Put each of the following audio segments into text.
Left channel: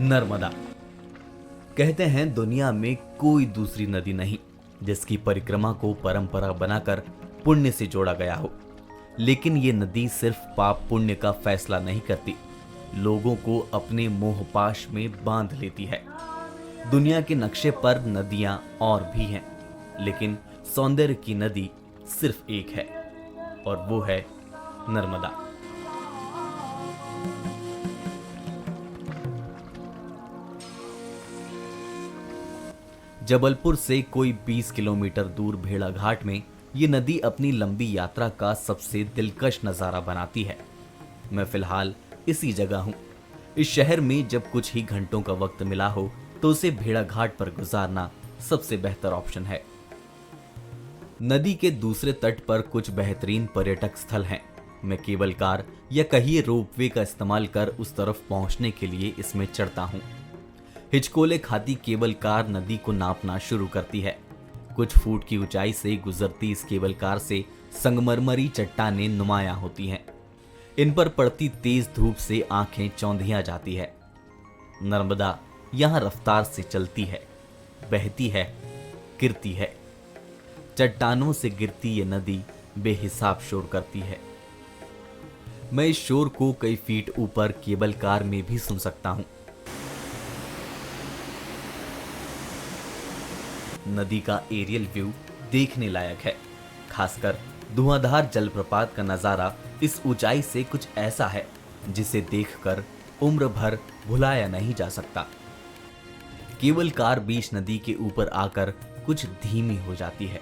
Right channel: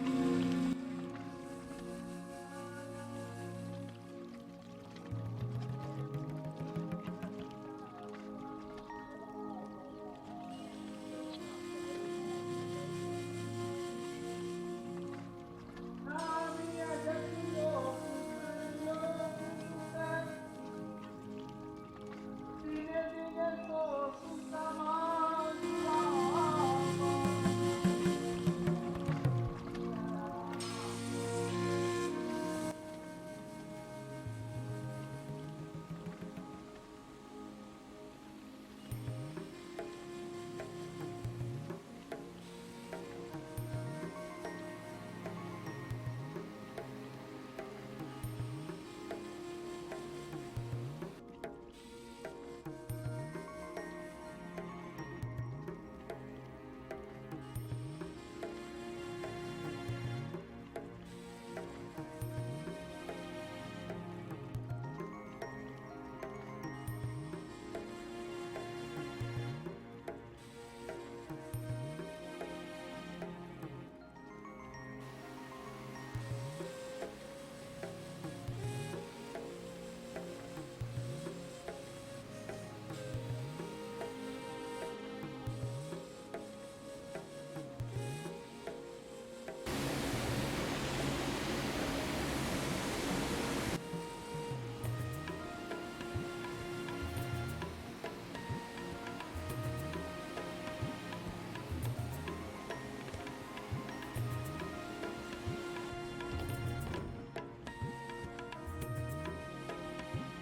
नर्मदा। कहते हैं दुनिया में कोई दूसरी नदी नहीं जिसकी परिक्रमा को परंपरा बनाकर पुण्य से जोड़ा गया हो। लेकिन ये नदी सिर्फ पाप पुण्य का फैसला नहीं करती, लोगों को अपने मोहपाश में बांध लेती है। दुनिया के नक्शे पर नदियां और भी हैं, लेकिन सौंदर्य की नदी सिर्फ एक है और वो है नर्मदा। जबलपुर से कोई 20 किलोमीटर दूर भेड़ाघाट में ये नदी अपनी लंबी यात्रा का सबसे दिलकश नजारा बनाती है। मैं फिलहाल इसी जगह हूँ। इस शहर में जब कुछ ही घंटों का वक्त मिला हो तो उसे भेड़ाघाट पर गुजारना सबसे बेहतर ऑप्शन है। नदी के दूसरे तट पर कुछ बेहतरीन पर्यटक स्थल हैं। मैं केबल कार या कहिए रोपवे का इस्तेमाल कर उस तरफ पहुंचने के लिए इसमें चढ़ता हूं। हिचकोले खाती केबल कार नदी को नापना शुरू करती है। कुछ फुट की ऊंचाई से गुजरती इस केबल कार से संगमरमरी चट्टानें नुमायां होती हैं। इन पर पड़ती तेज धूप से आंखें चौंधिया जाती है। नर्मदा यहाँ रफ्तार से चलती है, बहती है, गिरती है। चट्टानों से गिरती ये नदी बेहिसाब शोर करती है। मैं इस शोर को कई फीट ऊपर केबल कार में भी सुन सकता हूं। नदी का एरियल व्यू देखने लायक है। खासकर धुआंधार जलप्रपात का नजारा इस ऊंचाई से कुछ ऐसा है जिसे देखकर उम्र भर भुलाया नहीं जा सकता। केबल कार बीच नदी के ऊपर आकर कुछ धीमी हो जाती है।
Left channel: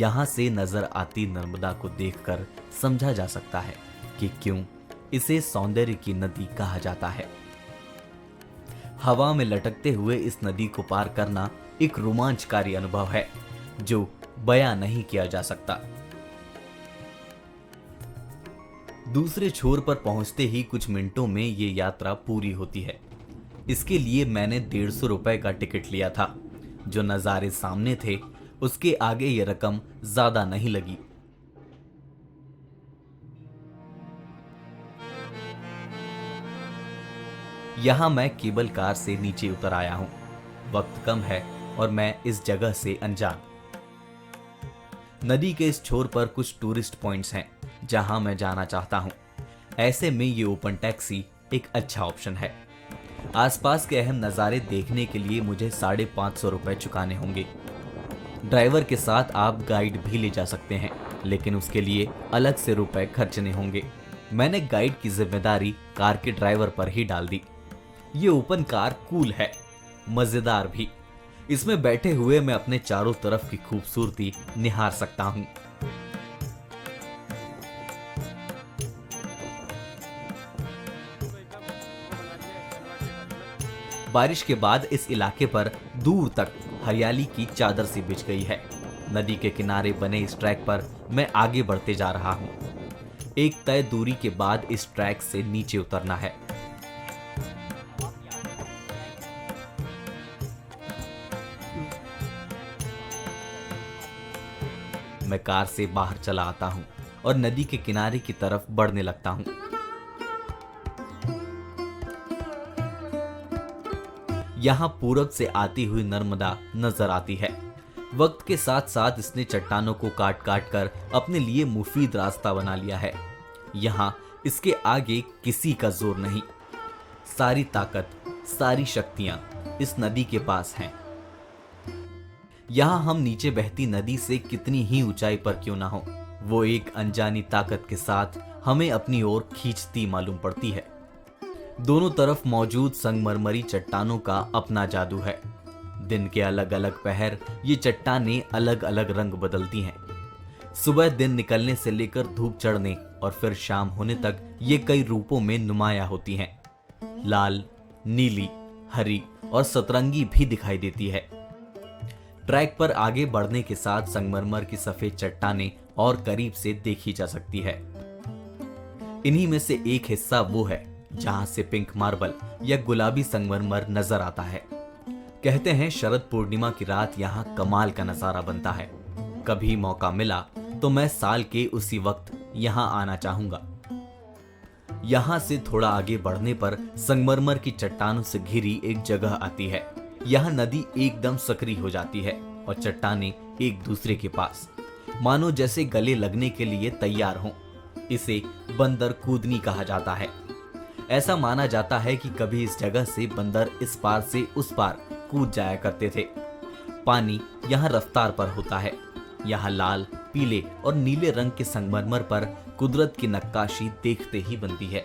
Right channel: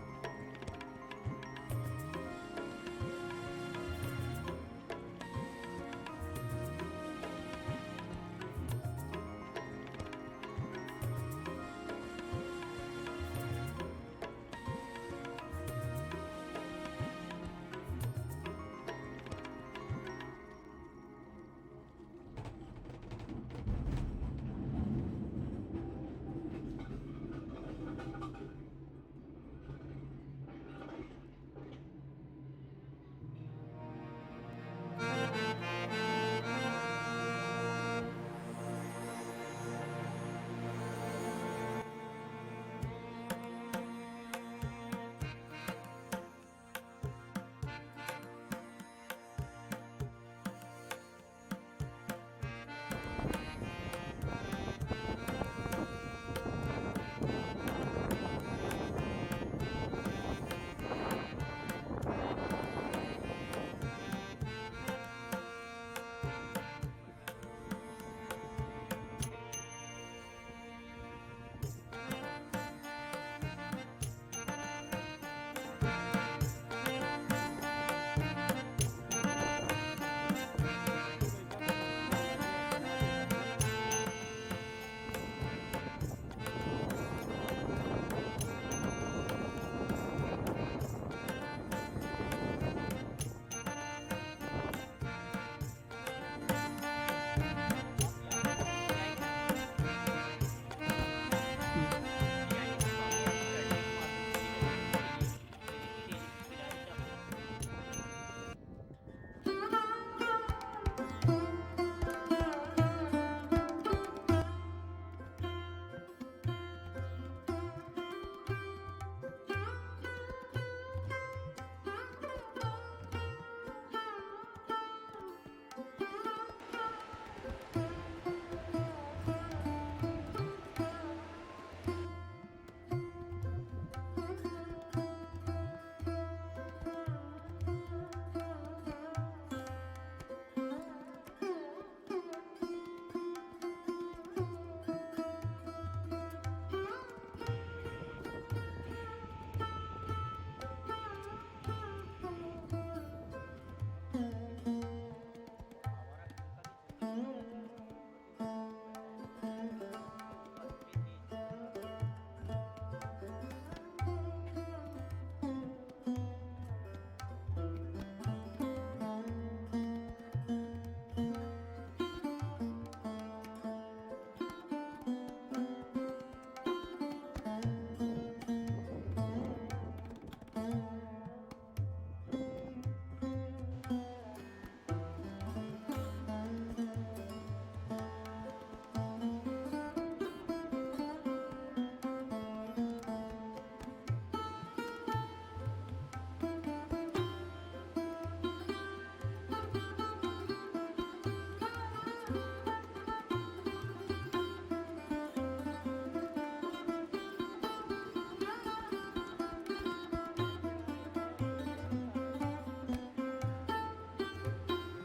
यहां से नजर आती नर्मदा को देखकर समझा जा सकता है कि क्यों इसे सौंदर्य की नदी कहा जाता है। हवा में लटकते हुए इस नदी को पार करना एक रोमांचकारी अनुभव है जो बयां नहीं किया जा सकता। दूसरे छोर पर पहुंचते ही कुछ मिनटों में ये यात्रा पूरी होती है। इसके लिए मैंने 150 रुपए का टिकट लिया था। जो नजारे सामने थे उसके आगे ये रकम ज्यादा नहीं लगी। यहां मैं केबल कार से नीचे उतर आया हूं। वक्त कम है और मैं इस जगह से अनजान। नदी के इस छोर पर कुछ टूरिस्ट पॉइंट्स हैं जहां मैं जाना चाहता हूं। ऐसे में ये ओपन टैक्सी एक अच्छा ऑप्शन है। आसपास के अहम नज़ारे देखने के लिए मुझे 550 रुपए चुकाने होंगे। ड्राइवर के साथ आप गाइड भी ले जा सकते हैं, लेकिन उसके लिए अलग से रुपए खर्चने होंगे। मैंने गाइड की जिम्मेदारी कार के ड्राइवर पर ही डाल दी। ये ओपन कार कूल है, मजेदार भी। इसमें बैठे हुए मैं अपने चारों तरफ की खूबसूरती निहार सकता हूँ। बारिश के बाद इस इलाके पर दूर तक हरियाली की चादर सी बिछ गई है। नदी के किनारे बने इस ट्रैक पर मैं आगे बढ़ते जा रहा हूँ। एक तय दूरी के बाद इस ट्रैक से नीचे उतरना है। मैं कार से बाहर चला आता हूँ और नदी के किनारे की तरफ बढ़ने लगता हूँ। यहाँ पूरब से आती हुई नर्मदा नजर आती है। वक्त के साथ साथ इसने चट्टानों को काट काट कर अपने लिए मुफीद रास्ता बना लिया है। यहाँ इसके आगे किसी का जोर नहीं। सारी ताकत, सारी शक्तियां इस नदी के पास हैं। यहाँ हम नीचे बहती नदी से कितनी ही ऊंचाई पर क्यों ना हो, वो एक अनजानी ताकत के साथ हमें अपनी ओर खींचती मालूम पड़ती है। दोनों तरफ मौजूद संगमरमरी चट्टानों का अपना जादू है। दिन के अलग अलग पहर ये चट्टानें अलग अलग रंग बदलती हैं। सुबह दिन निकलने से लेकर धूप चढ़ने और फिर शाम होने तक ये कई रूपों में नुमाया होती हैं। लाल, नीली, हरी और सतरंगी भी दिखाई देती है। ट्रैक पर आगे बढ़ने के साथ संगमरमर की सफेद चट्टानें और करीब से देखी जा सकती है। इन्हीं में से एक हिस्सा वो है जहां से पिंक मार्बल या गुलाबी संगमरमर नजर आता है। कहते हैं शरद पूर्णिमा की रात यहाँ कमाल का नजारा बनता है। कभी मौका मिला तो मैं साल के उसी वक्त यहाँ आना चाहूंगा। यहाँ से थोड़ा आगे बढ़ने पर संगमरमर की चट्टानों से घिरी एक जगह आती है। यहाँ नदी एकदम सक्रिय हो जाती है और चट्टानें एक दूसरे के पास मानो जैसे गले लगने के लिए तैयार हों। इसे बंदर कूदनी कहा जाता है। ऐसा माना जाता है कि कभी इस जगह से बंदर इस पार से उस पार कूद जाया करते थे। पानी यहाँ रफ्तार पर होता है। यहाँ लाल, पीले और नीले रंग के संगमरमर पर कुदरत की नक्काशी देखते ही बनती है।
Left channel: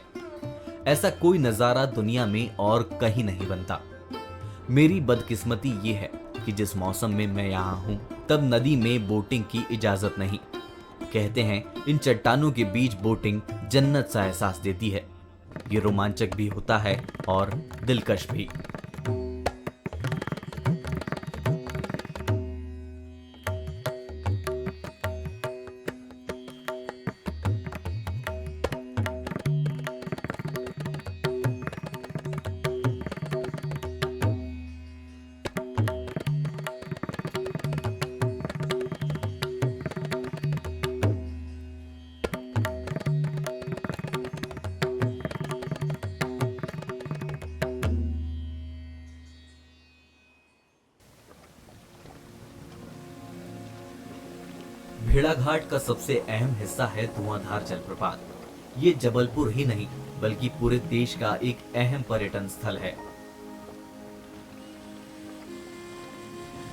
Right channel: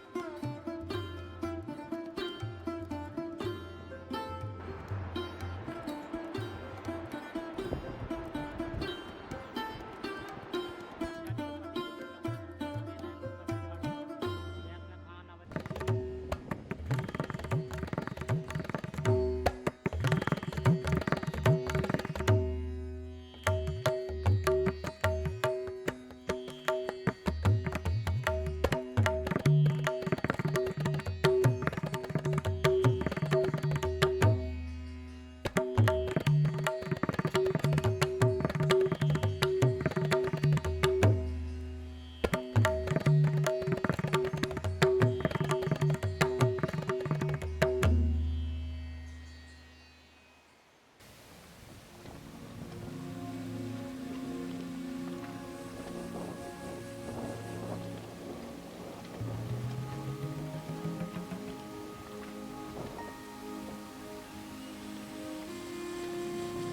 ऐसा कोई नजारा दुनिया में और कहीं नहीं बनता। मेरी बदकिस्मती ये है कि जिस मौसम में मैं यहाँ हूँ तब नदी में बोटिंग की इजाजत नहीं। कहते हैं इन चट्टानों के बीच बोटिंग जन्नत सा एहसास देती है। ये रोमांचक भी होता है और दिलकश भी। भेड़ाघाट का सबसे अहम हिस्सा है धुआंधार जलप्रपात। ये जबलपुर ही नहीं बल्कि पूरे देश का एक अहम पर्यटन स्थल है।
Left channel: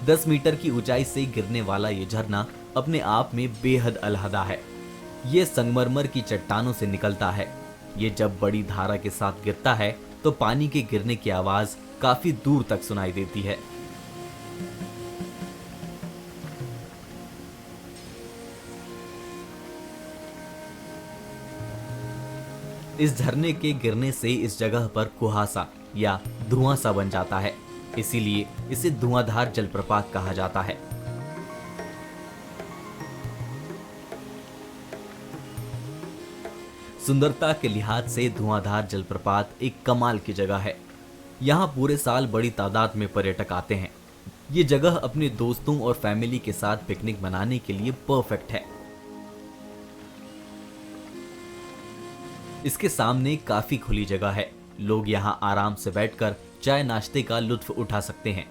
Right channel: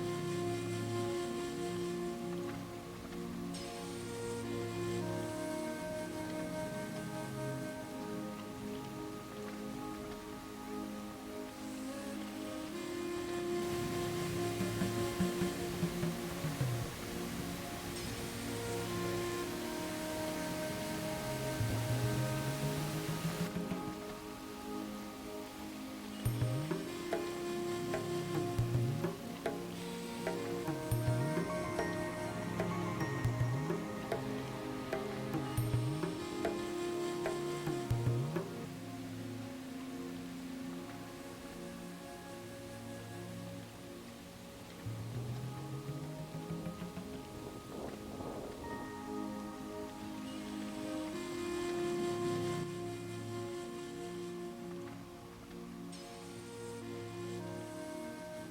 10 मीटर की ऊंचाई से गिरने वाला ये झरना अपने आप में बेहद अलहदा है। ये संगमरमर की चट्टानों से निकलता है। ये जब बड़ी धारा के साथ गिरता है तो पानी के गिरने की आवाज काफी दूर तक सुनाई देती है। इस झरने के गिरने से इस जगह पर कुहासा या धुआं सा बन जाता है, इसीलिए इसे धुआंधार जलप्रपात कहा जाता है। सुंदरता के लिहाज से धुआंधार जलप्रपात एक कमाल की जगह है। यहाँ पूरे साल बड़ी तादाद में पर्यटक आते हैं। ये जगह अपने दोस्तों और फैमिली के साथ पिकनिक मनाने के लिए परफेक्ट है। इसके सामने काफी खुली जगह है। लोग यहाँ आराम से बैठकर चाय नाश्ते का लुत्फ उठा सकते हैं।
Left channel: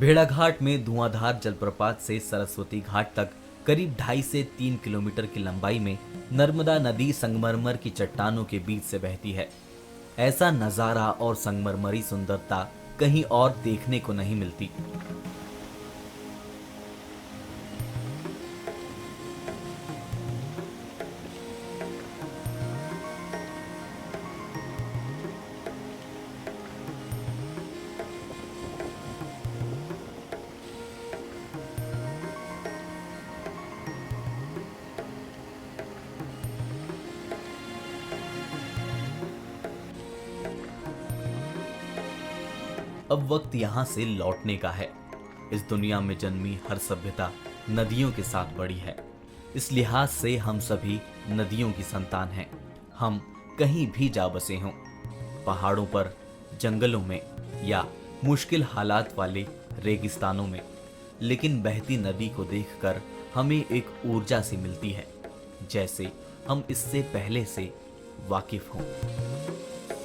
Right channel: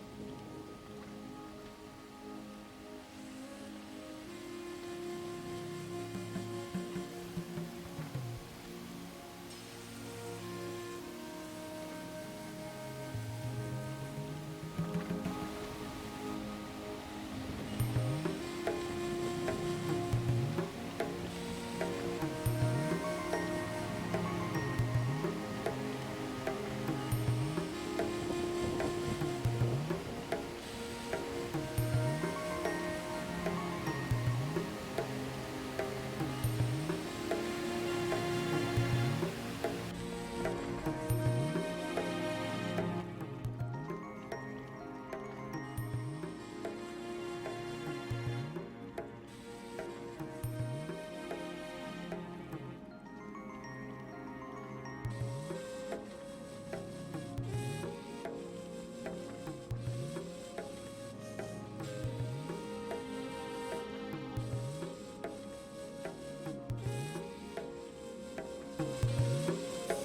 भेड़ाघाट में धुआंधार जलप्रपात से सरस्वती घाट तक करीब 2.5 से 3 किलोमीटर की लंबाई में नर्मदा नदी संगमरमर की चट्टानों के बीच से बहती है। ऐसा नजारा और संगमरमरी सुंदरता कहीं और देखने को नहीं मिलती। अब वक्त यहाँ से लौटने का है। इस दुनिया में जन्मी हर सभ्यता नदियों के साथ बढ़ी है। इस लिहाज से हम सभी नदियों की संतान हैं। हम कहीं भी जा बसे हों, पहाड़ों पर, जंगलों में या मुश्किल हालात वाले रेगिस्तानों में, लेकिन बहती नदी को देखकर हमें एक ऊर्जा सी मिलती है, जैसे हम इससे पहले से वाकिफ हों।